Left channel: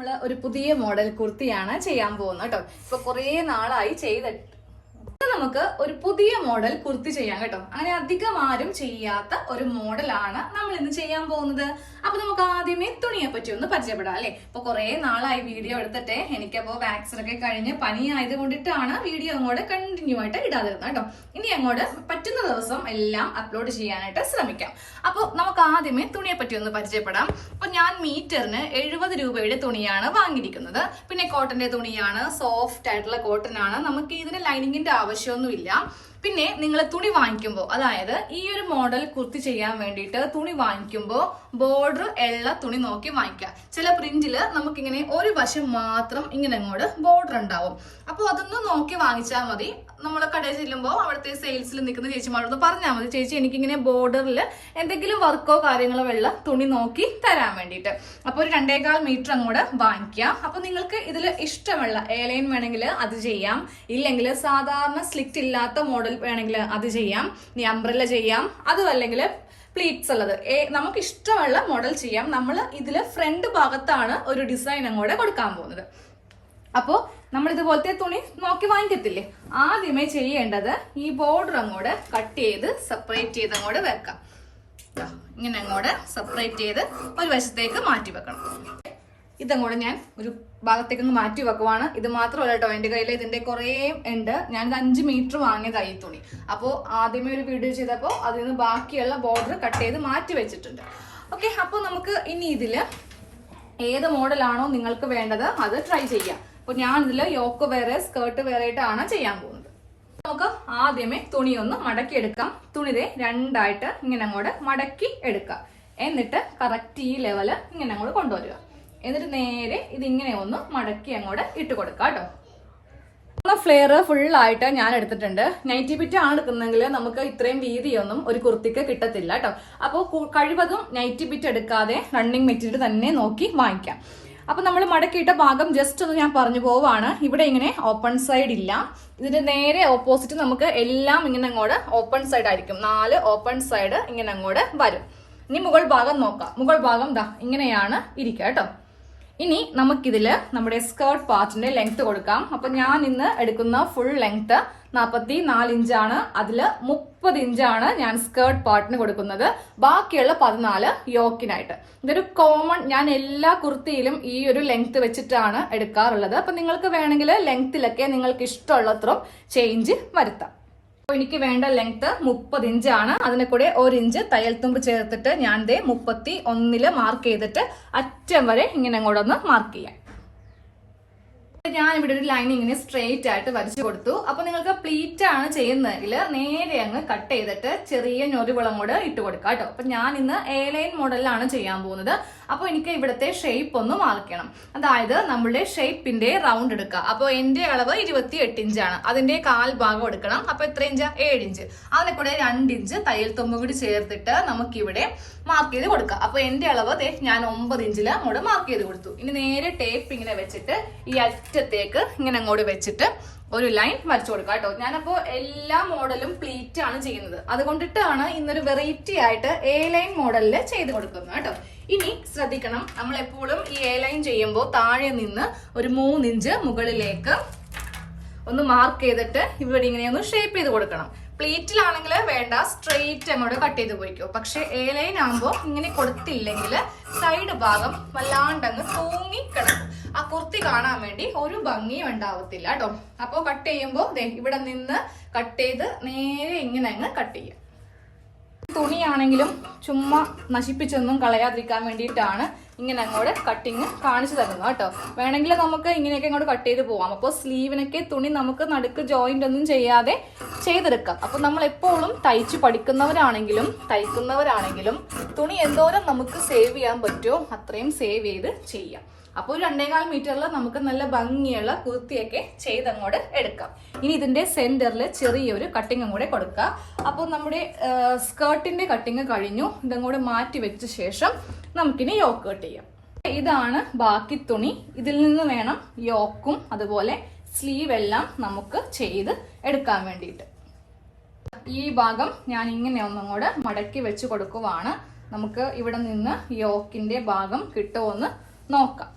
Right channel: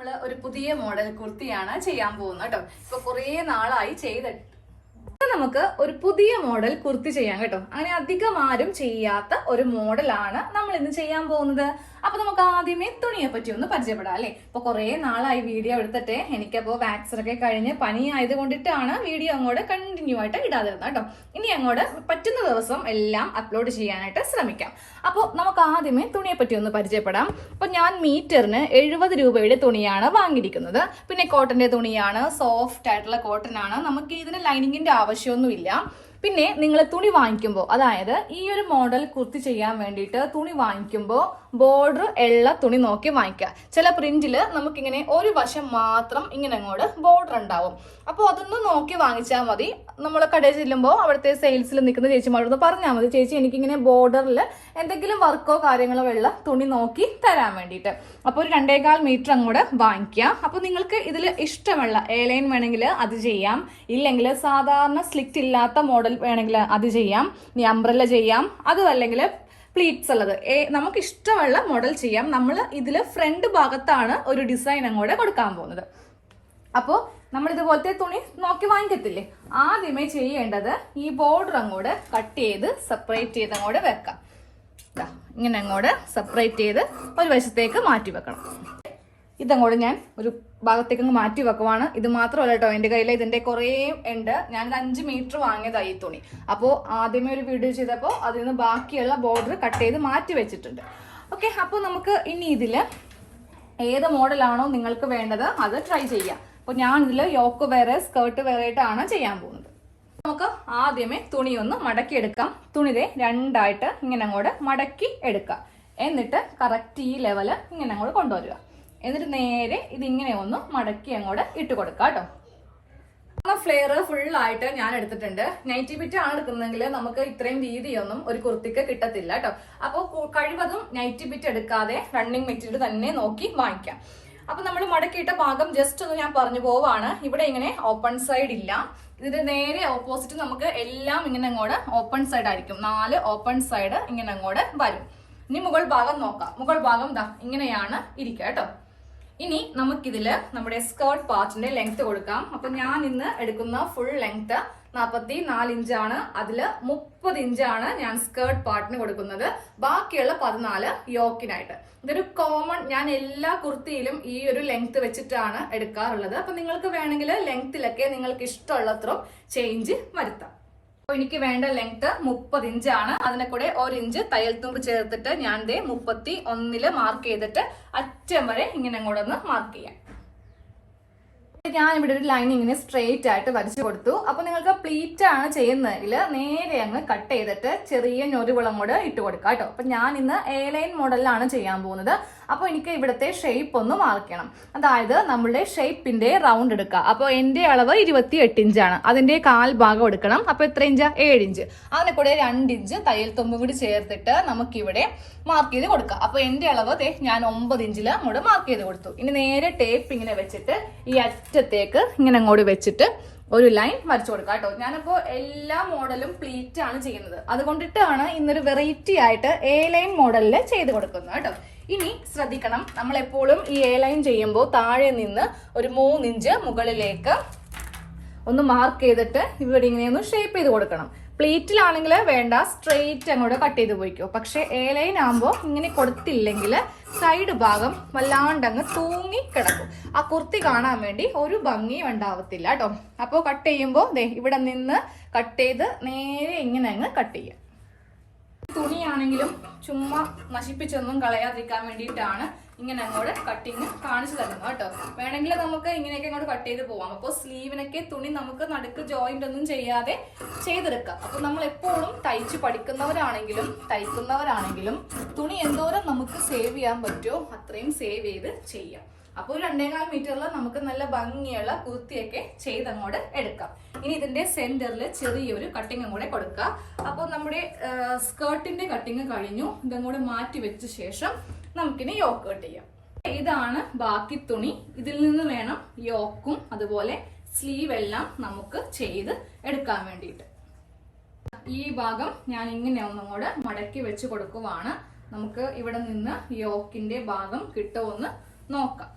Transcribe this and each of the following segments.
നമ്മള് ഒരു പുതിയ മോഡൽ കുർത്തിയാണ് ചെയ്യാൻ പോകുന്നത് കേട്ടോ. ഇപ്പൊ കുറേ നാളായി ചെയ്തിട്ട് നമുക്ക് ഒരു പുതിയ മോഡൽ കുർത്തി ചെയ്യാം കേട്ടോ. അങ്ങനെ അധികം ആരും ചെയ്യാത്ത ഒരു മോഡലാണ് നമ്മൾ ഇന്ന് ചെയ്യാൻ പോകുന്നത്. അപ്പൊ നമുക്ക് ആദ്യമേ തുണിയെ പറ്റി ഒന്ന് പരിചയപ്പെടാം അല്ലെ. ഇപ്പൊ കുറെ നാളായി വീഡിയോ എടുത്തിട്ട് എനിക്കപ്പോ വാക്സിൻ ഒക്കെ കഴിഞ്ഞ് പനി ആയത് കൊണ്ടിട്ടാണ് വീഡിയോ അങ്ങോട്ട് കണ്ടിന്യൂ ആയിട്ട് ഇടാതിരുന്നത് കേട്ടോ. ഇനി അങ്ങോട്ട് പറ്റുന്ന ദിവസം എല്ലാം അപ്ലോഡ് ചെയ്യാനായിട്ട് ശ്രമിക്കാം. അപ്പോൾ നമുക്ക് ആദ്യമേ തുണിയെ പറ്റി ഒന്ന് പരിചയപ്പെടാം. അപ്പൊ ഞാൻ മീറ്ററിന് 70 രൂപയുടെ തുണിയാണ് വാങ്ങിയിരിക്കുന്നത്. പിന്നെ കോട്ടന്റെ തുണിയാണ്, സോഫ്റ്റ് ആയിട്ടുള്ള കോട്ടൺ ആണ്. നമുക്ക് ഇതിന് ലൈനിങ്ങിന്റെ ആവശ്യമൊന്നുമില്ല. പിന്നെ നിങ്ങൾ തുണി വാങ്ങിക്കുമ്പോൾ, അതായത് ഈ ഒരു മോഡൽ കുർത്തി ചെയ്യാൻ വേണ്ടിയിട്ട് തുണി വാങ്ങിക്കുമ്പോൾ ബോർഡർ ഉള്ള തുണി നോക്കി വാങ്ങിക്കുക. ചില പ്രിന്റില് നമുക്കിങ്ങനെ ഒരു വശം മാത്രം ഇങ്ങനെ അങ്ങോട്ട് ബോർഡർ ഉണ്ടാവും. അപ്പോൾ അതൊന്ന് നോക്കി വാങ്ങിച്ചാൽ മതി. നമ്മൾ കടയിൽ ചെല്ലുമ്പോൾ അവിടുത്തെ സെയിൽസിൽ നിൽക്കുന്ന ചേച്ചിമാരോട് പറഞ്ഞാൽ മതി, ചേച്ചി എനിക്കിങ്ങനെ ബോർഡറിൽ എന്തെങ്കിലും വർക്കോ കാര്യങ്ങളോ ഉള്ള തുണി നോക്കി തരാൻ വേണ്ടിയിട്ട്. അപ്പോൾ ഒരു 2.25 മീറ്റർ അങ്ങോട്ട് വാങ്ങിക്കുക. അപ്പോൾ നിങ്ങൾക്ക് ഇതിൽ ഇഷ്ടമുള്ള എയർലൈൻ വേണമെങ്കിൽ അത് ചെയ്യാം, ഇല്ലെങ്കിൽ സാധാരണ സ്ലിറ്റ് ഇല്ലാത്ത മോഡൽ വേണമെങ്കിൽ അത് ചെയ്യാം, ഇനി അംബ്രല്ല ചെയ്യാം, അതും അല്ലെങ്കിൽ പ്ലീറ്റ്സ് ഉള്ളത് നമുക്ക് ഇഷ്ടമുള്ള മോഡൽ ചെയ്യാം. നമ്മൾ ഇതിൽ ഫ്രണ്ട് ഭാഗത്താണ് ഒരു ഡിസൈൻ അങ്ങോട്ട് കൊടുക്കാൻ പോകുന്നത്. അപ്പോൾ നമ്മൾ ഇതുപോലത്തെ തുണി നോക്കി വാങ്ങിക്കത്തില്ലേ, ആദ്യമേ ചെയ്യേണ്ടത് ഈ ബോർഡർ അങ്ങോട്ട് കട്ട് ചെയ്ത് സെപ്പറേറ്റ് ചെയ്ത് അങ്ങോട്ട് വെക്കാം. ഇങ്ങനെ അങ്ങോട്ട് സെപ്പറേറ്റ് ചെയ്ത് ഒരു വശത്തേക്ക് മാറ്റി വെക്കണം. ഇതങ്ങോട്ട് ഞാൻ ഒരു ഭാഗത്തേക്ക് അങ്ങ് മാറ്റി വെക്കുവാണ്. ഇത് മാത്രമല്ല കേട്ടോ, എൻ്റെ കയ്യിൽ ഇതിന്റെ കുറേ ഉണ്ട്. ഞാനിത് 5 മീറ്റർ വാങ്ങിയതായി ഈ തുണി. അപ്പോൾ ആദ്യമേ ഒരു വീഡിയോ ചെയ്തപ്പോൾ അതിൽ നിന്ന് ബാക്കിയുള്ള ബോർഡർ കട്ട് ചെയ്ത് മാറ്റി വെച്ചിട്ടുണ്ട്. ഓക്കെ, അപ്പോൾ നമുക്ക് ഇനി ഇതിൽ ഏത് മോഡലാണോ നിങ്ങൾക്ക് വേണ്ടത് അത് ട്രൈ ചെയ്യാം. അപ്പോൾ ഞാൻ ഇതിൽ യോക്ക് വേറെ സ്കേർട്ട് വേറെ ആയിട്ടാണ് ചെയ്യാൻ പോകുന്നത്. നമുക്ക് ആദ്യമേ തുണി ഒന്ന് മടക്കി എടുക്കാം. തുണിയെ രണ്ടായിട്ട് ഇങ്ങനെ അങ്ങോട്ട് മടക്കി എടുക്കാം. എന്നിട്ട് കറക്റ്റ് ഈ ലെവല് ഇങ്ങനെ അങ്ങോട്ട് കൊണ്ടുവരിക. എന്നിട്ട് നേരെ ഇതിങ്ങനെ ഒന്ന് മടക്കി അങ്ങോട്ട് ഇട്ട് കൊടുക്കാം കേട്ടോ. ഫ്ലെയർ ഫുള്ളായിട്ട് ഞാൻ എടുത്തിട്ടുണ്ട്. നൈറ്റി ബിറ്റ് ആണ് എടുക്കുന്നെങ്കിൽ നമുക്ക് ഇത്രയും വീതിയൊന്നും ഒരു കുർത്തിക്ക് കിട്ടത്തില്ല കേട്ടോ. അപ്പോൾ കഴിവതും നൈറ്റി ബിറ്റ് എടുക്കാതെ റണ്ണിങ് മെറ്റീരിയൽ തന്നെ നോക്കി വാങ്ങിക്കാം. അപ്പൊ നമ്മൾ മടക്കിയിട്ട ഭാഗം ജസ്റ്റ് ഒന്ന് ഞാൻ പറഞ്ഞു പോവാണ്. ഇവിടെ ഇങ്ങനെ ഓപ്പൺ സൈഡ് ഇല്ല, ഇതിന്റെ നേരെ ഓപ്പോസിറ്റ് നമുക്ക് എല്ലാം ഇങ്ങനെ അങ്ങോട്ട് ഓപ്പൺ സൈഡ് ആയിരിക്കും. 4 ഓപ്പൺ സൈഡ് ഇങ്ങനെ അങ്ങോട്ട് വരും. ഇനി മുകൾ ഭാഗം നോക്കാം. മുകൾ ഭാഗം ദാ ഇങ്ങനെയാണ് ഇരിക്കുക കേട്ടോ. ഇനി നമുക്കിതില് നമ്മുടെ സ്കേർട്ട് പാർട്ടിന്റെ ലെങ്ത് കൊടുക്കാം. അപ്പൊ ഞാൻ ഇന്ന് എടുക്കുന്ന ഫുൾ ലെങ്ത് 44 ഇഞ്ചാണ്. അതില് 30 ഇഞ്ചാണ് ഞാൻ സ്കേർട്ട് പാർട്ടിന് കൊടുക്കുന്നത്. ബാക്കിയുള്ള 14 യോക്കിനായിട്ട്. ഇതൊരു കോമൺ, ഞാൻ എല്ലാ കുർത്തിയിലും ഈ ഒരു ലെങ്ത് വെച്ചിട്ടാണ് എടുക്കാറുള്ളത്. അപ്പൊ നിങ്ങൾക്ക് വേണമെങ്കിൽ ലെങ്ത്തിലൊക്കെ നിങ്ങൾക്ക് ഇഷ്ടമുള്ളത്ര ചേഞ്ച് വരുത്താം. എനിക്ക് വേണ്ട ലെങ്ത് 30 ഇഞ്ചാണ്. അതിനെ കൂടെ 1 ഇഞ്ച് തയ്യൽ തുമ്പ് ചേർത്തിട്ട് ഞാൻ 31 മാർക്ക് ചെയ്തിട്ട് അറ്റം വരെ ഇങ്ങനെ അങ്ങോട്ടൊന്ന് മാർക്ക് ചെയ്യാം. ഞാൻ ഇവിടെ ഒരു ലൈൻ ഇങ്ങനെ സ്ട്രെയിറ്റ് ആയിട്ട് വരച്ചു കൊടുത്തു. അപ്പൊ നിങ്ങൾക്ക് പ്ലീറ്റ് ആണ് ചെയ്യുന്നതെങ്കിൽ നേരെ അങ്ങ് കട്ട് ചെയ്തിട്ട് ചെറിയ ഞൊറിവുളം കൂടെ ഇട്ട് കൊടുക്കാം കേട്ടോ. അപ്പൊ ഞാൻ ഇന്ന് എ ലൈൻ മോഡലിലാണ് ചെയ്യാൻ പോകുന്നത്. അപ്പൊ എനിക്ക് ഇവിടുത്തെ ഷേപ്പ് ഒന്ന് മാർക്കണം. അതായത് നമ്മളുടെ ഷേപ്പിന്റെ റൗണ്ട് എടുക്കുക. അപ്പൊ എന്റെ അളവ് 28 ഇഞ്ചാണ്. അതിന്റെ 1/4 ഭാഗം എടുക്കണം. അപ്പൊ എത്ര ഇഞ്ച്? 7 ഇഞ്ച്. അതിനെ കൂടെ 2 ഇഞ്ച് തയ്യൽ തുമ്പും കൂടി ചേർത്തിട്ട് നമുക്കിവിടെ മാർക്ക് ചെയ്ത് കൊടുക്കാം. അപ്പൊ എന്റെ അളവ് ഞാൻ 9 ഇഞ്ചിൽ അങ്ങോട്ട് മാർക്ക് ചെയ്ത് കൊടുത്തു. ഇനി നേരെ ടേപ്പ് ഇങ്ങനെ വെച്ചിട്ട് ഈ അറ്റത്തേക്ക് ഇങ്ങനെ അങ്ങോട്ട് വെച്ചിട്ട് ഒരു ലൈൻ വരച്ചു കൊടുക്കാം കേട്ടോ. ഞാനപ്പോ എല്ലാ മോഡലും പ്ലീറ്റ് ആണ് ചെയ്യുന്നത്. അതുകൊണ്ടിട്ടാണ് ഇന്നൊരു വെറൈറ്റി ആയിട്ട് എ ലൈൻ മോഡലിൽ ചെയ്ത് കൊടുക്കുന്നത് കേട്ടോ. ഇനി ശ്രദ്ധിക്കണം, നമ്മൾ എപ്പോഴും ഈ എ ലൈൻ ചെയ്യുമ്പോൾ താഴെ നിന്ന് ഒരു 3 ഇഞ്ച് മുകളിലേക്ക് ഒന്ന് മാർക്ക് ചെയ്തിട്ട് ഇവിടെ ഇങ്ങനെ ഒന്ന് ഷേപ്പ് ചെയ്ത് കൊടുക്കണം. പ്ലീറ്റിലാണെങ്കിൽ വേണ്ട, സ്ട്രെയിറ്റ് അങ്ങോട്ട് കട്ട് ചെയ്ത് പോയിക്കോ. പക്ഷെ എ ലൈൻ ആകുമ്പോൾ ഇങ്ങനെ കൊടുത്തില്ലെങ്കിൽ സൈഡ് ഭാഗം വല്ലാണ്ട് അങ്ങ് തൂങ്ങി കിടക്കും. ആ കുർത്തി കാണാൻ വേണ്ടി ഒരു ഭംഗിയും ഉണ്ടാവത്തില്ല കേട്ടോ. അപ്പോൾ കട്ട് ചെയ്യുമ്പോൾ ഇവിടെ നിന്ന് കട്ട് ചെയ്ത് നേരെ ഇങ്ങനെ അങ്ങ് കട്ട് ചെയ്യും. തുണിയാണെങ്കിലും ചുമ്മാ നശിപ്പിച്ചൊന്നും കളയാതിരിക്കാൻ വേണ്ടിയിട്ടാണ് ഇങ്ങനെ അങ്ങോട്ട് കട്ടിങ് കാണിച്ചു തരുന്നത് കേട്ടോ. വേണമെങ്കിൽ നമുക്ക് ഇങ്ങനെയൊക്കെ അങ്ങോട്ട് കട്ട് ചെയ്ത് പോവാം. അപ്പോൾ സ്ലീവിനൊക്കെ തുണി നമുക്ക് നടുക്ക് ജോയിന്റ് ഒന്നും ചെയ്യാതെ ചെയ്തെടുക്കാം. അപ്പൊ നമ്മൾ എപ്പോഴും തയ്ച്ചു പഠിക്കുന്നവരാണെങ്കിലും തയ്ക്കുന്നവരാണെങ്കിലും തുണി എന്തോരം നമുക്ക് സേവ് ചെയ്യാൻ പറ്റുമോ അത്രയും സേവ് ചെയ്ത് ചെയ്യാം. അപ്പോൾ 2.25 മീറ്ററിൽ നമുക്ക് നല്ല ഭംഗിയുള്ള കുർത്തിയൊക്കെ ചെയ്തങ്ങോട്ട് എടുക്കാം. ഇനി ഇതിന്റെ സെന്ററിൽ ചെറിയൊരു കട്ടിങ് അങ്ങോട്ട് കൊടുക്കുക. അപ്പോൾ നമ്മുടെ സ്കേർട്ടിന്റെ കട്ടിങ് കഴിഞ്ഞു. ഇതങ്ങോട്ട് മാറ്റി വെച്ച ശേഷം നമുക്കിനി യോക്ക് കട്ട് ചെയ്യാം. ഇതാണ് ബാക്കി തുണി. ഇതിൽ നിന്ന് വേണം യോക്കും അതുപോലെ സ്ലീവ് എല്ലാം നമുക്ക് ചെയ്ത് എടുക്കാൻ വേണ്ടിയിട്ട്. ഈ ഭാഗം ഞാൻ ഇങ്ങനെ ഒന്നുകൂടെ മടക്കി വെച്ച് കൊടുക്കുവാണ്. നമുക്ക് ഇവിടെ നിന്ന് യോക്കിന്റെ ഭാഗം കിട്ടുമെന്ന് നോക്കാം.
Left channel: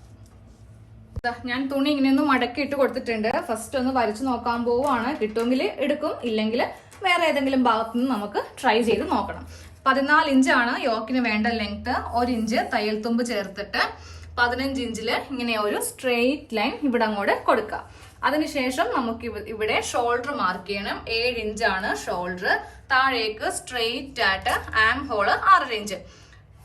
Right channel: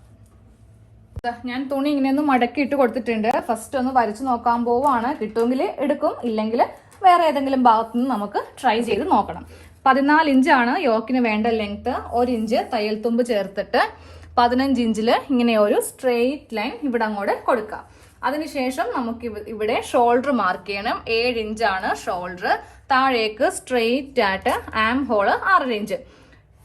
ഞാൻ തുണി ഇങ്ങനെ ഒന്ന് മടക്കി ഇട്ട് കൊടുത്തിട്ടുണ്ട്. ഫസ്റ്റ് ഒന്ന് വരച്ചു നോക്കാൻ പോവാണ്. കിട്ടുമെങ്കിൽ എടുക്കും, ഇല്ലെങ്കിൽ വേറെ ഏതെങ്കിലും ഭാഗത്തു നിന്ന് നമുക്ക് ട്രൈ ചെയ്ത് നോക്കണം. 14 ഇഞ്ചാണ് യോക്കിന് വേണ്ട ലെങ്ത്. 1 ഇഞ്ച് തയ്യൽ തുമ്പ് ചേർത്തിട്ട് 15 ഇഞ്ചില് ഇങ്ങനെ ഒരു സ്ട്രെയിറ്റ് ലൈൻ ഇവിടെ അങ്ങോട്ട് കൊടുക്കുക. അതിനുശേഷം നമുക്ക് ഇവിടെ ഷോൾഡർ മാർക്ക് ചെയ്യണം. 7 ഇഞ്ചാണ് ഷോൾഡർ. താഴേക്ക് സ്ട്രെയിറ്റ് ആയിട്ട് ആം ഹോള് 6 ഇഞ്ച്.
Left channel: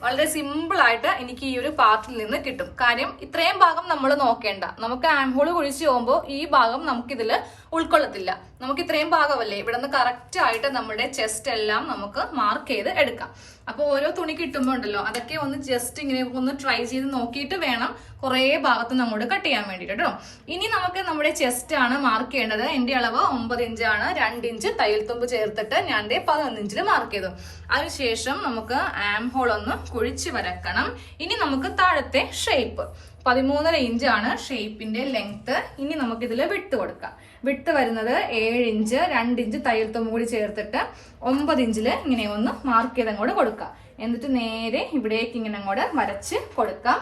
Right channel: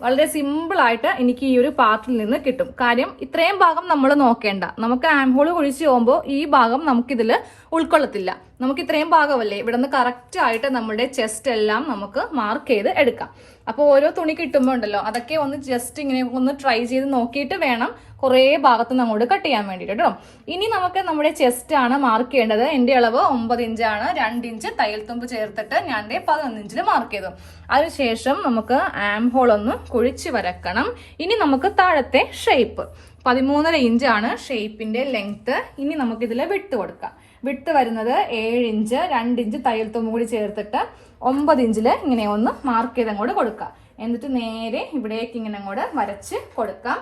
വളരെ സിമ്പിൾ ആയിട്ട് എനിക്ക് ഈ ഒരു പാർട്ടിൽ നിന്ന് കിട്ടും. കാര്യം ഇത്രയും ഭാഗം നമ്മൾ നോക്കേണ്ട. നമുക്ക് ആം ഹോൾ കുഴിച്ച് പോകുമ്പോൾ ഈ ഭാഗം നമുക്കിതിൽ ഉൾക്കൊള്ളത്തില്ല. നമുക്ക് ഇത്രയും ഭാഗമല്ലേ, ഇവിടെ നിന്ന് കറക്റ്റ് ആയിട്ട് നമ്മുടെ ചെസ്റ്റ് എല്ലാം നമുക്ക് മാർക്ക് ചെയ്ത് എടുക്കാം. അപ്പോൾ ഓരോ തുണി കിട്ടുമ്പോൾ ഉണ്ടല്ലോ, അതൊക്കെ ഒന്ന് ജസ്റ്റ് ഇങ്ങനെ ഒന്ന് ട്രൈ ചെയ്ത് നോക്കിയിട്ട് വേണം കുറേ ഭാഗത്ത് നമ്മോട് കട്ട് ചെയ്യാൻ വേണ്ടിയിട്ട് കേട്ടോ. ഇനി നമുക്ക് നമ്മുടെ ചെസ്റ്റ് ആണ് മാർക്ക് ചെയ്യേണ്ടത്. എന്റെ അളവ് 9 ഇഞ്ചാണ്. 2 ഇഞ്ച് തയ്യൽ തുമ്പ് ചേർത്തിട്ട് ഞാൻ 11 ഇഞ്ചിൽ മാർക്ക് ചെയ്തു. അതിനുശേഷം നമുക്ക് ആം ഹോൾ ഒന്ന് കുഴിച്ച് വരക്കണം. ഇനി നമുക്ക് താഴത്തെ ഷേപ്പ് 13.5 ഇഞ്ചാണ് ഷേപ്പിന്റെ ലെങ്ത്. ഇനി നമുക്ക് ഇതിൽ വിട്ട് കൊടുക്കാം. വിട്ട് വരുന്നത് 7 ഇഞ്ച്. 2 ഇഞ്ച് തയ്യൽ തുമ്പ് കൂടി ചേർത്തിട്ട് 9 ഇഞ്ചില് ഇങ്ങനെ ഒന്ന് മാർക്ക് ചെയ്ത് അങ്ങോട്ട് കൊടുക്കാം. എന്നിട്ട് നേരെ ഇവിടേക്ക് ഇങ്ങനെ അങ്ങോട്ട് വരച്ച് കൊടുക്കാം.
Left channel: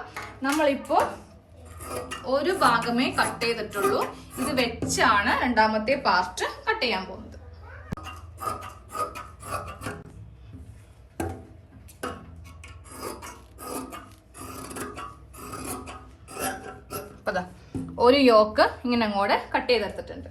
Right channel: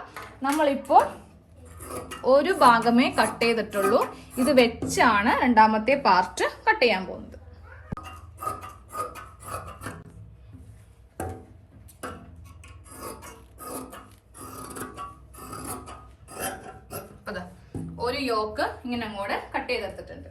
നമ്മളിപ്പോ ഒരു ഭാഗമേ കട്ട് ചെയ്തിട്ടുള്ളൂ. ഇത് വെച്ചാണ് രണ്ടാമത്തെ പാർട്ട് കട്ട് ചെയ്യാൻ പോകുന്നത്. ഒരു യോക്ക് ഇങ്ങനെ അങ്ങോട്ട് കട്ട് ചെയ്തെടുത്തിട്ടുണ്ട്.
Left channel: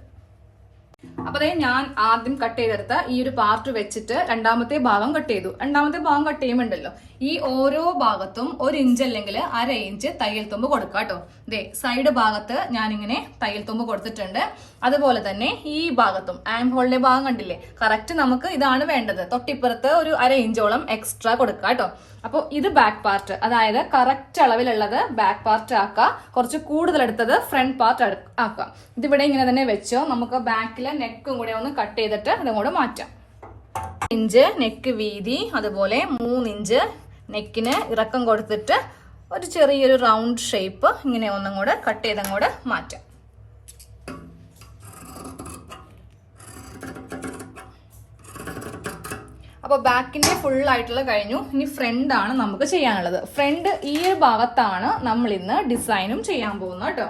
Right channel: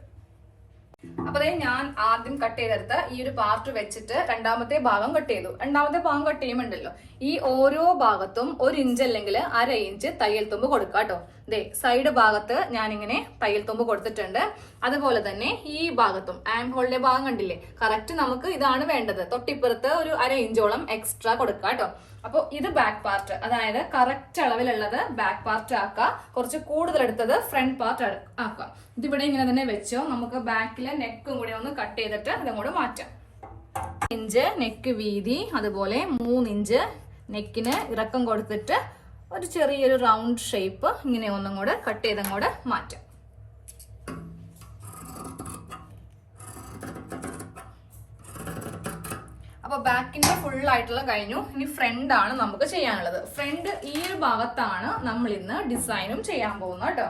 അപ്പൊ അതായത് ഞാൻ ആദ്യം കട്ട് ചെയ്തെടുത്ത ഈ ഒരു പാർട്ട് വെച്ചിട്ട് രണ്ടാമത്തെ ഭാഗം കട്ട് ചെയ്തു. രണ്ടാമത്തെ ഭാഗം കട്ട് ചെയ്യുമ്പോണ്ടല്ലോ, ഈ ഓരോ ഭാഗത്തും 1 ഇഞ്ച് അല്ലെങ്കിൽ 1/2 ഇഞ്ച് തയ്യൽ തുമ്പ് കൊടുക്കാം കേട്ടോ. ദേ സൈഡ് ഭാഗത്ത് ഞാനിങ്ങനെ തയ്യൽ തുമ്പ് കൊടുത്തിട്ടുണ്ട്. അതുപോലെ തന്നെ ഈ ഭാഗത്തും ആം ഹോളിന്റെ ഭാഗം കണ്ടില്ലേ, കറക്റ്റ് നമുക്ക് ഇതാണ് വേണ്ടത്. തൊട്ടിപ്പുറത്ത് ഒരു 1/2 ഇഞ്ചോളം എക്സ്ട്രാ കൊടുക്കാം കേട്ടോ. അപ്പോൾ ഇത് ബാക്ക് പാർട്ട്, അതായത് കറക്റ്റ് അളവിലുള്ളത് ബാക്ക് പാർട്ട് ആക്കുക. കുറച്ച് കൂടുതൽ എടുത്തത് ഫ്രണ്ട് പാർട്ട് ആക്കുക. ഇതിവിടെ ഇങ്ങനെ തന്നെ വെച്ചോ. നമുക്ക് ബാക്കിലെ നെക്കും കൂടെ ഒന്ന് കട്ട് ചെയ്തിട്ട് ഇതങ്ങോട്ട് മാറ്റാം. 1 ഇഞ്ച് നെക്ക് വീതി, അതുപോലെ 3 ഇഞ്ച് നെക്കിന് ഇറക്കം കൊടുത്തിട്ട് ഒരു ചെറിയൊരു റൗണ്ട് ഷേപ്പ് ഇങ്ങനെ ഒന്നും കൂടെ കട്ട് ചെയ്തങ്ങോട്ട് മാറ്റാം. അപ്പൊ ബാക്കിന്റെ ഫുൾ ആയിട്ടുള്ള കഴിഞ്ഞു. ഇനി ഫ്രണ്ട് ആണ് നമുക്ക് ചെയ്യാനുള്ളത്. ഫ്രണ്ട് ഈ ഒരു ഭാഗത്താണ് നമ്മൾ ഇന്ന് ഡിസൈനും ചെയ്യാൻ പോകുന്നത് കേട്ടോ.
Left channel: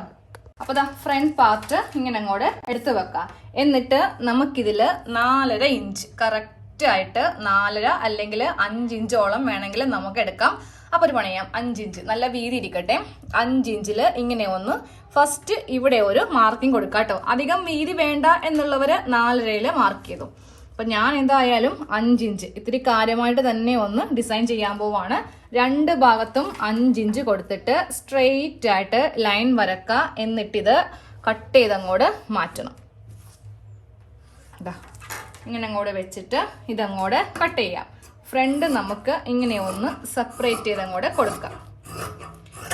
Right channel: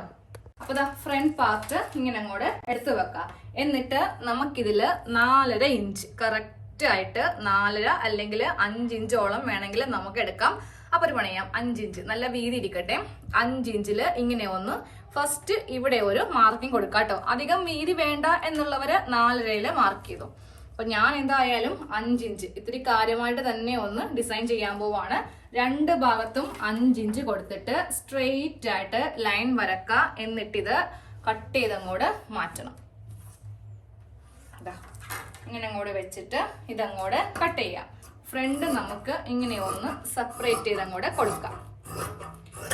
അപ്പൊ ദാ ഫ്രണ്ട് പാർട്ട് ഇങ്ങനെ അങ്ങോട്ട് എടുത്തു വെക്കാം. എന്നിട്ട് നമുക്കിതില് 4.5 ഇഞ്ച് കറക്റ്റ് ആയിട്ട് 4.5 അല്ലെങ്കിൽ 5 ഇഞ്ചോളം വേണമെങ്കിൽ നമുക്ക് എടുക്കാം. അപ്പൊ ഒരു പണിയാം, 5 ഇഞ്ച് നല്ല വീതി ഇരിക്കട്ടെ. 5 ഇഞ്ചില് ഇങ്ങനെ ഒന്ന് ഫസ്റ്റ് ഇവിടെ ഒരു മാർക്കിംഗ് കൊടുക്കാം കേട്ടോ. അധികം വീതി വേണ്ട എന്നുള്ളവര് 4.5 മാർക്ക് ചെയ്തു. അപ്പൊ ഞാൻ എന്തായാലും 5 ഇഞ്ച് ഇത്തിരി കാര്യമായിട്ട് തന്നെ ഒന്ന് ഡിസൈൻ ചെയ്യാൻ പോവാണ്. 2 ഭാഗത്തും 5 ഇഞ്ച് കൊടുത്തിട്ട് സ്ട്രെയിറ്റ് ആയിട്ട് ലൈൻ വരക്കുക. എന്നിട്ടിത് കട്ട് ചെയ്തങ്ങോട്ട് മാറ്റണം. ഇങ്ങനെ അങ്ങോട്ട് വെച്ചിട്ട് ഇതങ്ങോട്ട് കട്ട് ചെയ്യാം. ഫ്രണ്ട് നമുക്ക് ഇങ്ങനെ ഒന്ന് സെപ്പറേറ്റ് ചെയ്തങ്ങോട്ട് കൊടുക്കാം.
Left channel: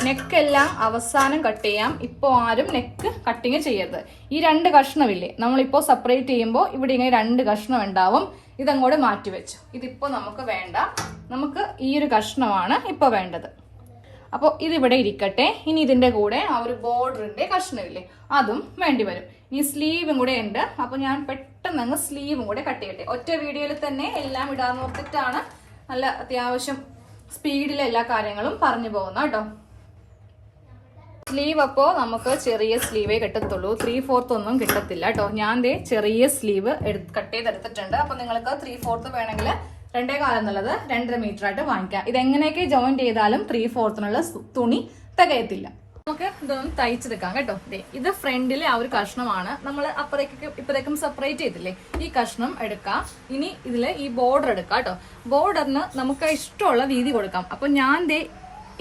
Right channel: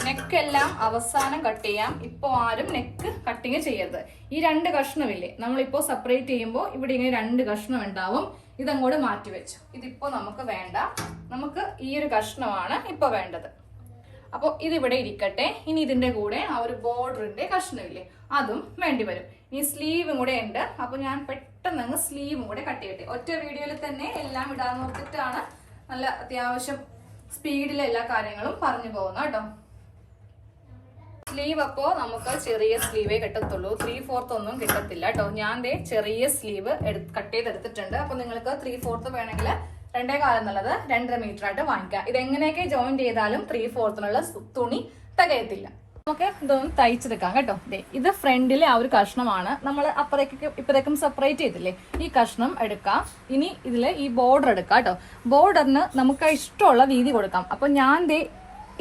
നെക്ക് എല്ലാം അവസാനം കട്ട് ചെയ്യാം. ഇപ്പൊ ആരും നെക്ക് കട്ടിങ് ചെയ്യരുത്. ഈ 2 കഷ്ണമില്ലേ, നമ്മളിപ്പോ സെപ്പറേറ്റ് ചെയ്യുമ്പോൾ ഇവിടെ ഇങ്ങനെ 2 കഷ്ണം ഉണ്ടാവും. ഇതങ്ങോട്ട് മാറ്റി വെച്ചു. ഇതിപ്പോ നമുക്ക് വേണ്ട. നമുക്ക് ഈ ഒരു കഷ്ണമാണ് ഇപ്പൊ വേണ്ടത്. അപ്പോൾ ഇതിവിടെ ഇരിക്കട്ടെ. ഇനി ഇതിന്റെ കൂടെ ആ ഒരു ബോർഡറിന്റെ കഷ്ണമില്ലേ, അതും വേണ്ടി വരും. ഈ സ്ലീവും കൂടെ ഉണ്ട്. അപ്പൊ ഞാൻ പെട്ടെന്ന് അങ്ങ് സ്ലീവും കൂടെ കട്ട് ചെയ്യട്ടെ. ഒറ്റ വീഡിയോയിൽ തന്നെ എല്ലാം ഇടാൻ നോക്കിയിട്ടാണ് നല്ല അത്യാവശ്യം സ്പീഡിൽ എല്ലാ കാര്യങ്ങളും പറഞ്ഞു പോകുന്നത് കേട്ടോ. സ്ലീവ് അപ്പോൾ നമുക്ക് ചെറിയ സ്ലീവേ കിട്ടത്തുള്ളൂ. 3/4 ഒന്നും കിട്ടത്തില്ല കേട്ടോ. ഞാൻ ചെറിയ സ്ലീവ് കട്ട് ചെയ്തെടുത്തിട്ടുണ്ട്. അപ്പൊ നിങ്ങൾക്ക് 3/4 വേണമെങ്കിൽ 2.25 എന്നുള്ളത് 2.5 മീറ്റർ ആയിട്ട് വാങ്ങിക്കാം. ഇതെങ്ങനെയൊക്കെ ജോയിന്റ് ചെയ്താലും 3/4 തുണി തികയത്തില്ല. ഓക്കെ, ഇതൊന്ന് തയ്ച്ചെടുക്കാം കേട്ടോ. ഇത് ഫ്രണ്ടിലെ ആ ഒരു കഷ്ണമാണ്. നമ്മൾ ഇപ്പഴേക്കും സെപ്പറേറ്റ് ചെയ്തില്ലേ, ഈ കഷ്ണം എടുക്കാം. ഇനി ഇതിൽ ഈ ബോർഡർ എടുക്കാം കേട്ടോ. ബോർഡറിന് നമുക്ക് ഇഷ്ടമുള്ള വീതി കൊടുക്കാം. അപ്പൊ ഞാൻ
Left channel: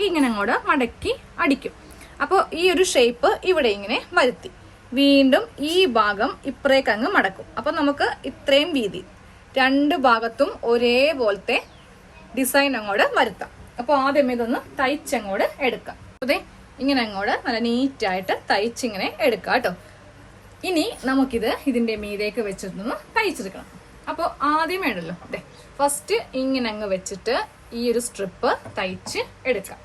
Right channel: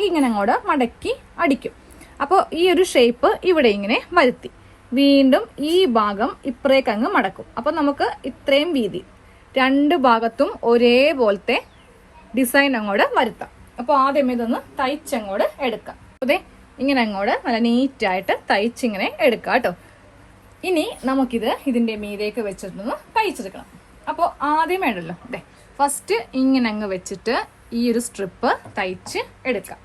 ഇങ്ങനെ അങ്ങോട്ട് മടക്കി അടിക്കും. അപ്പോൾ ഈ ഒരു ഷേപ്പ് ഇവിടെ ഇങ്ങനെ വരുത്തി വീണ്ടും ഈ ഭാഗം ഇപ്പറേക്ക് അങ്ങ് മടക്കും. അപ്പൊ നമുക്ക് ഇത്രയും വീതി 2 ഭാഗത്തും ഒരേപോലത്തെ ഡിസൈൻ അങ്ങോട്ട് വരുത്താം. അപ്പൊ ആദ്യം ഇതൊന്ന് തയ്ച്ചങ്ങോട്ട് എടുക്കാം. അതെ, ഇങ്ങനെ അങ്ങോട്ട് നല്ല നീറ്റായിട്ട് തയ്ച്ചിങ്ങനെ എടുക്കാം കേട്ടോ. ഇനി നമുക്കിത് ഇതിന്റെ മീതേക്ക് വെച്ചിട്ടൊന്ന് തയ്ച്ചെടുക്കണം. അപ്പോൾ ആദ്യം വേണ്ടല്ലോ, അതെ ഫസ്റ്റ് ഇങ്ങനെ അങ്ങ് വെച്ചിട്ട് ഈ ഒരു സ്ട്രിപ്പ് തയ്ച്ച് എടുക്കാം.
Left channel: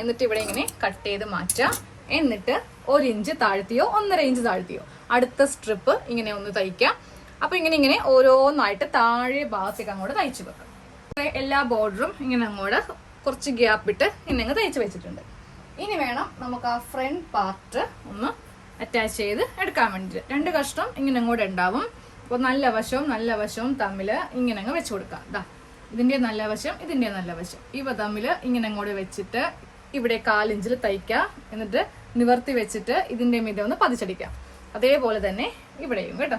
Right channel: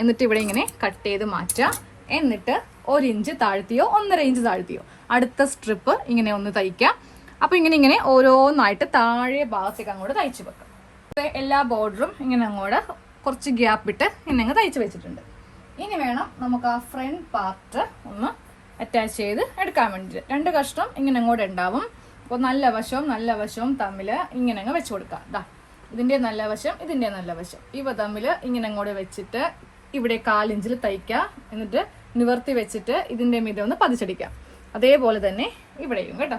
എന്നിട്ട് ഇവിടെ ഇങ്ങനെ കട്ട് ചെയ്ത് മാറ്റാം. എന്നിട്ട് 1 ഇഞ്ച് താഴ്ത്തിയോ 1.5 ഇഞ്ച് താഴ്ത്തിയോ അടുത്ത സ്ട്രിപ്പ് ഇങ്ങനെ ഒന്ന് തയ്ക്കാം. അപ്പൊ ഇങ്ങനെ ഓരോന്നായിട്ട് താഴെ ഭാഗത്തേക്ക് അങ്ങോട്ട് തയ്ച്ചു വെക്കാം. എല്ലാ ബോർഡറും ഇങ്ങനെ അങ്ങോട്ട് കുറച്ച് ഗ്യാപ്പ് ഇട്ട് ഇങ്ങനെ അങ്ങ് തയ്ച്ചു വെച്ചിട്ടുണ്ട്. ഇനി വേണം നമുക്ക് ആ ഫ്രണ്ട് പാർട്ട് ഒന്ന് അറ്റാച്ച് ചെയ്ത് എടുക്കാൻ വേണ്ടിയിട്ട്. 2 കഷ്ണം ഇങ്ങനെ അങ്ങോട്ട് ഉണ്ടാവും. അപ്പോൾ നല്ല വശവും തമ്മിൽ ഇങ്ങനെ അങ്ങ് വെച്ച് കൊടുക്കാം. ദാ ഇതിന്റെ നല്ല വശം, ഇതിന്റെ നല്ല വശം, ഇവ തമ്മിൽ ഇങ്ങനെ അങ്ങോട്ട് വെച്ചിട്ട് ഇവിടെ 1/4 ഇഞ്ചിൽ തയ്ക്കുക. എന്നിട്ട് നിവർത്തി വെച്ചിട്ട് ഇതിന്റെ മീതെ ഒന്ന് പതിച്ചടിക്കാം. അതേപോലെ തന്നെ ഇവിടെയും കേട്ടോ.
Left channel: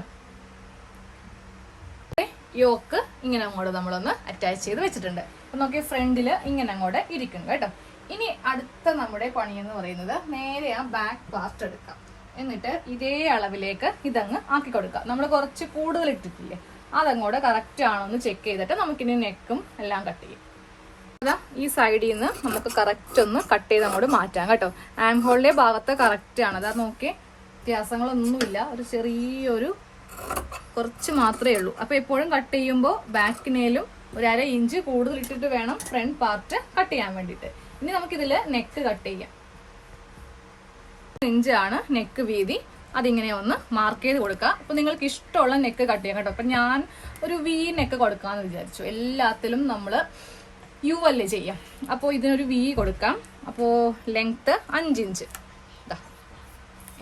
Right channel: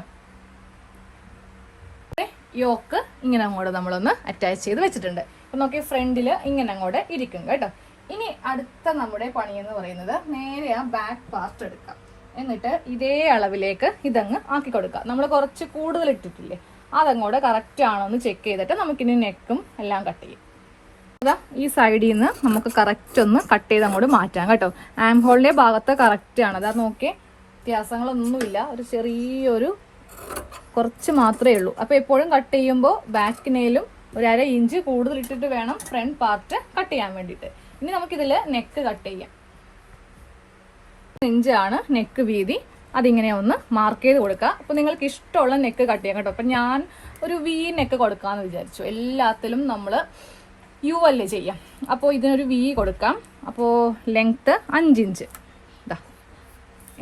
യോക്ക് ഇങ്ങനെ അങ്ങോട്ട് നമ്മളൊന്ന് അറ്റാച്ച് ചെയ്ത് വെച്ചിട്ടുണ്ട്. അപ്പൊ നോക്കിയ ഫ്രണ്ടില് ഇങ്ങനെ അങ്ങോട്ട് ഇരിക്കും കേട്ടോ. ഇനി അടുത്ത നമ്മുടെ പണി എന്ന് പറയുന്നത് നേരെ ആ ബാക്ക് പാർട്ട് എടുക്കാം. എന്നിട്ട് ഇതേ അളവിലേക്ക് ഇതങ്ങ് ആക്കി കൊടുക്കാം. നമ്മൾ കുറച്ച് കൂടുതൽ ഇട്ടിട്ടില്ലേ, അതങ്ങോട്ട് കറക്റ്റ് ആണോ എന്ന് ചെക്ക് ചെയ്തിട്ട് നമുക്കിനി നെക്കും എല്ലാം കട്ട് ചെയ്യും. അതാ ഈ സൈഡിൽ നിന്ന് നമുക്ക് കറക്റ്റ് ഒന്ന് കട്ട് ചെയ്ത് അങ്ങോട്ട് മാറ്റാം കേട്ടോ. ആം ഹോളിന്റെ ഭാഗത്ത് കറക്റ്റ് ആണ്. അതാ നോക്കിയേ, വ്യത്യാസങ്ങളൊന്നുമില്ല, ഒരു ചെറിയൊരു കുറച്ച് മാത്രമേ ഉള്ളൂ. അപ്പൊ എപ്പോഴും കട്ട് ചെയ്യുമ്പോൾ ബാക്കിനേലും 1/2 ഇഞ്ച് കൂടുതൽ ഇട്ടിട്ട് വേണം ഫ്രണ്ട് പാർട്ട് കട്ട് ചെയ്യാൻ വേണ്ടിയിട്ട്. ഇനി നമുക്കിതിൽ നെക്ക് കട്ട് ചെയ്യാം. 1 ഇഞ്ചാണ് നെക്ക് വീതി. അതിങ്ങനെ ഒന്ന് മാർക്ക് ചെയ്ത് കൊടുക്കുക. അപ്പൊ നിങ്ങൾക്ക് ഇഷ്ടമുള്ള നെക്ക് കട്ട് ചെയ്യാം കേട്ടോ. അപ്പൊ ഞാൻ ഒരു വി നെക്ക് കൊടുക്കാന്ന് വിചാരിച്ചു. എല്ലാത്തിലും നമ്മൾ യു അല്ലേ ചെയ്യാം. അപ്പോൾ ഇതിനൊരു വി കൊടുക്കാം. അപ്പോൾ ലെങ്ത് 5 ഇഞ്ച്.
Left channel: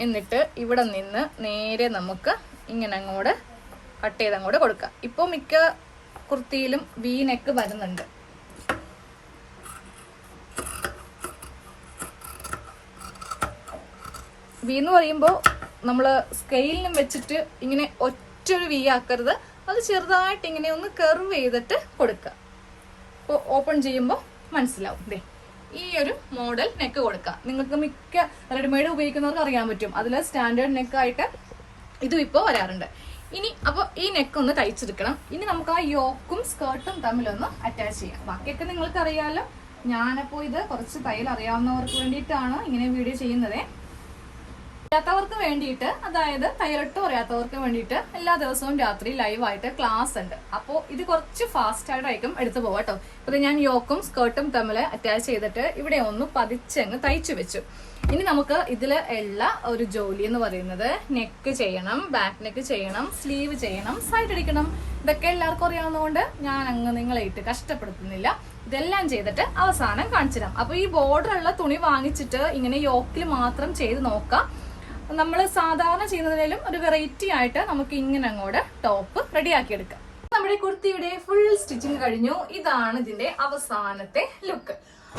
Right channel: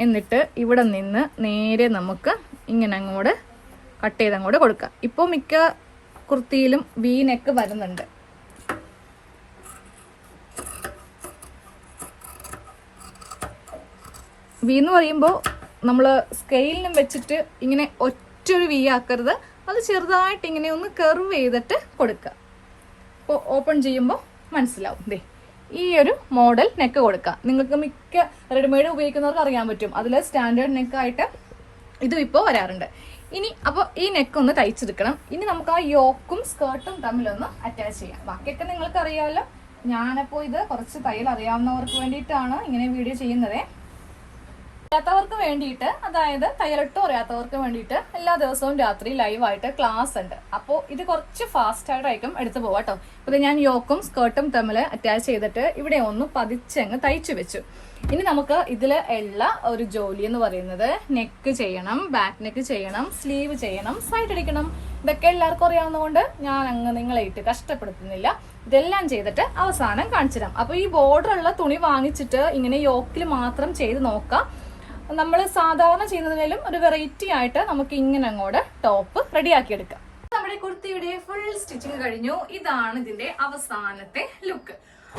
എന്നിട്ട് ഇവിടെ നിന്ന് നേരെ നമുക്ക് ഇങ്ങനെ അങ്ങോട്ട് കട്ട് ചെയ്ത് അങ്ങോട്ട് കൊടുക്കാം. ഇപ്പോൾ മിക്ക കുർത്തിയിലും വി നെക്ക് വരുന്നുണ്ട്. വി എന്ന് പറയുമ്പോൾ നമ്മൾ സ്കെയിലിനും വെച്ചിട്ട് ഇങ്ങനെ ഒറ്റൊരു വി ആക്കരുത്. അത് ചെറുതായിട്ട് ഇങ്ങനെ ഒന്ന് കർവ് ചെയ്തിട്ട് കൊടുക്കുക. അപ്പോൾ ഓപ്പൺ ചെയ്യുമ്പോൾ മനസ്സിലാവും. ദേ ഈ ഒരു മോഡൽ നെക്ക് കൊടുക്കാം. നിങ്ങൾക്ക് മിക്ക റെഡിമെയ്ഡ് ഉപയോഗിക്കുന്നവർക്ക് അറിയാൻ പറ്റും. അതിൽ സ്റ്റാൻഡേർഡ് നെക്കായിട്ട് ഇതും ഇപ്പോൾ വരാറുണ്ട്. ഇനി അപ്പോൾ ഈ നെക്ക് ഒന്ന് തയ്ച്ചെടുക്കണം. ഇനി നമുക്ക് ആ യോക്കും സ്കേർട്ടും തമ്മിലൊന്ന് അറ്റാച്ച് ചെയ്യാം. ബാക്കിയൊക്കെ നിങ്ങൾക്ക് അറിയാമല്ലോ. ഞാനപ്പോൾ ഇത് കുറച്ച് തയ്യൽ അറിയാവുന്നവർക്ക് വേണ്ടിയിട്ടാണ് ഇങ്ങനെ വീഡിയോ ചെയ്യുന്നത്. അറിയാത്തവർക്ക് വേണ്ടിയിട്ട്, അതായത് തയ്യലിട്ടോ അറിയാത്തവർക്ക് വേണ്ടിയിട്ട് എല്ലാ ദിവസവും രാത്രി ലൈവായിട്ട് ക്ലാസ് ഉണ്ട്. അപ്പോൾ ഇത് കുറച്ച് ഫാസ്റ്റ് ആയിട്ടായിരിക്കും എടുത്തു പോവാം കേട്ടോ. ഇത് ഞാൻ യോക്കും സ്കേർട്ടും തമ്മിൽ അറ്റാച്ച് ചെയ്തിട്ട് ഇവിടെ ഒന്ന് പതിച്ചങ്ങ് തയ്ച്ചു വെച്ചു. ഇനി നമുക്ക് ഇതിൽ ഉള്ള ഒരു ജോലി എന്ന് പറയുന്നത് നെക്ക് ചെയ്യണം, ബാക്ക് നെക്ക് ചെയ്യണം, സ്ലീവ് ചെയ്യണം, സൈഡ് അടിക്കണം. ഇതൊക്കെ എല്ലാവർക്കും അറിയാവുന്നതുകൊണ്ട് ഞാൻ അങ്ങ് നിങ്ങളായിട്ട് കഷ്ടപ്പെടുത്തുന്നില്ല. ഇതെല്ലാം ചെയ്തിട്ട് അവസാനം കാണിച്ചു തരാം. അപ്പൊ ഈ ബോർഡർ ഉള്ള തുണി വാങ്ങിച്ചിട്ട് ഇങ്ങനെ യോക്കിൽ മാത്രം ചെയ്ത് നോക്കാം. നമ്മൾ സാധാരണ ചെയ്യുന്നതിലും ഒരു വെറൈറ്റി ആയിട്ട് നമുക്ക് ഇങ്ങനെ അങ്ങോട്ട് ടോപ്പ് റെഡിയാക്കി എടുക്കാം. നമ്മുടെ കുർത്തിയുടെ ഫുൾ സ്റ്റിച്ചിങ് കഴിഞ്ഞു. ഇതാണ് ഇതിന്റെ അവസാനത്തെ ലുക്ക്.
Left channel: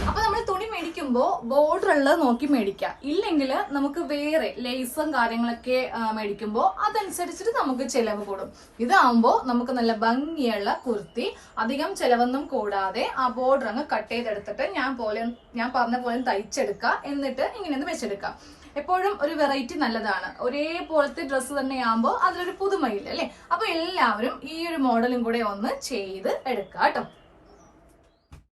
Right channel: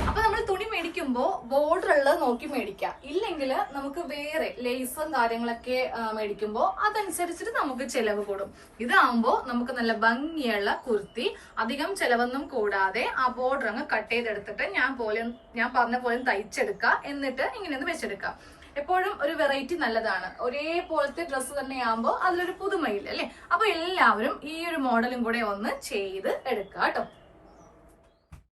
അപ്പൊ നമ്മൾ തുണി മേടിക്കുമ്പോൾ ബോർഡർ ഉള്ളത് നോക്കി മേടിക്കാം. ഇല്ലെങ്കിൽ നമുക്ക് വേറെ ലേസും കാര്യങ്ങളൊക്കെ മേടിക്കുമ്പോൾ അതനുസരിച്ചിട്ട് നമുക്ക് ചെലവ് കൂടും. ഇതാവുമ്പോൾ നമുക്ക് നല്ല ഭംഗിയുള്ള കുർത്തി, അധികം ചെലവൊന്നും കൂടാതെ ആ ബോർഡർ അങ്ങ് കട്ട് ചെയ്തെടുത്തിട്ട് ഞാൻ പറഞ്ഞ പോലെ തയ്ച്ചെടുക്കുക. എന്നിട്ട് ഇങ്ങനെ ഒന്ന് വെച്ചെടുക്കാം. എപ്പോഴും ഒരു വെറൈറ്റി നല്ലതാണ്. ഒരേപോലത്തെ ഡ്രസ്സ് തന്നെ ആകുമ്പോൾ അതിലൊരു പുതുമയില്ല അല്ലെ. അപ്പൊ എല്ലാവരും ഈ ഒരു മോഡലും കൂടെ ഒന്ന് ചെയ്ത് എടുക്കുക കേട്ടോ.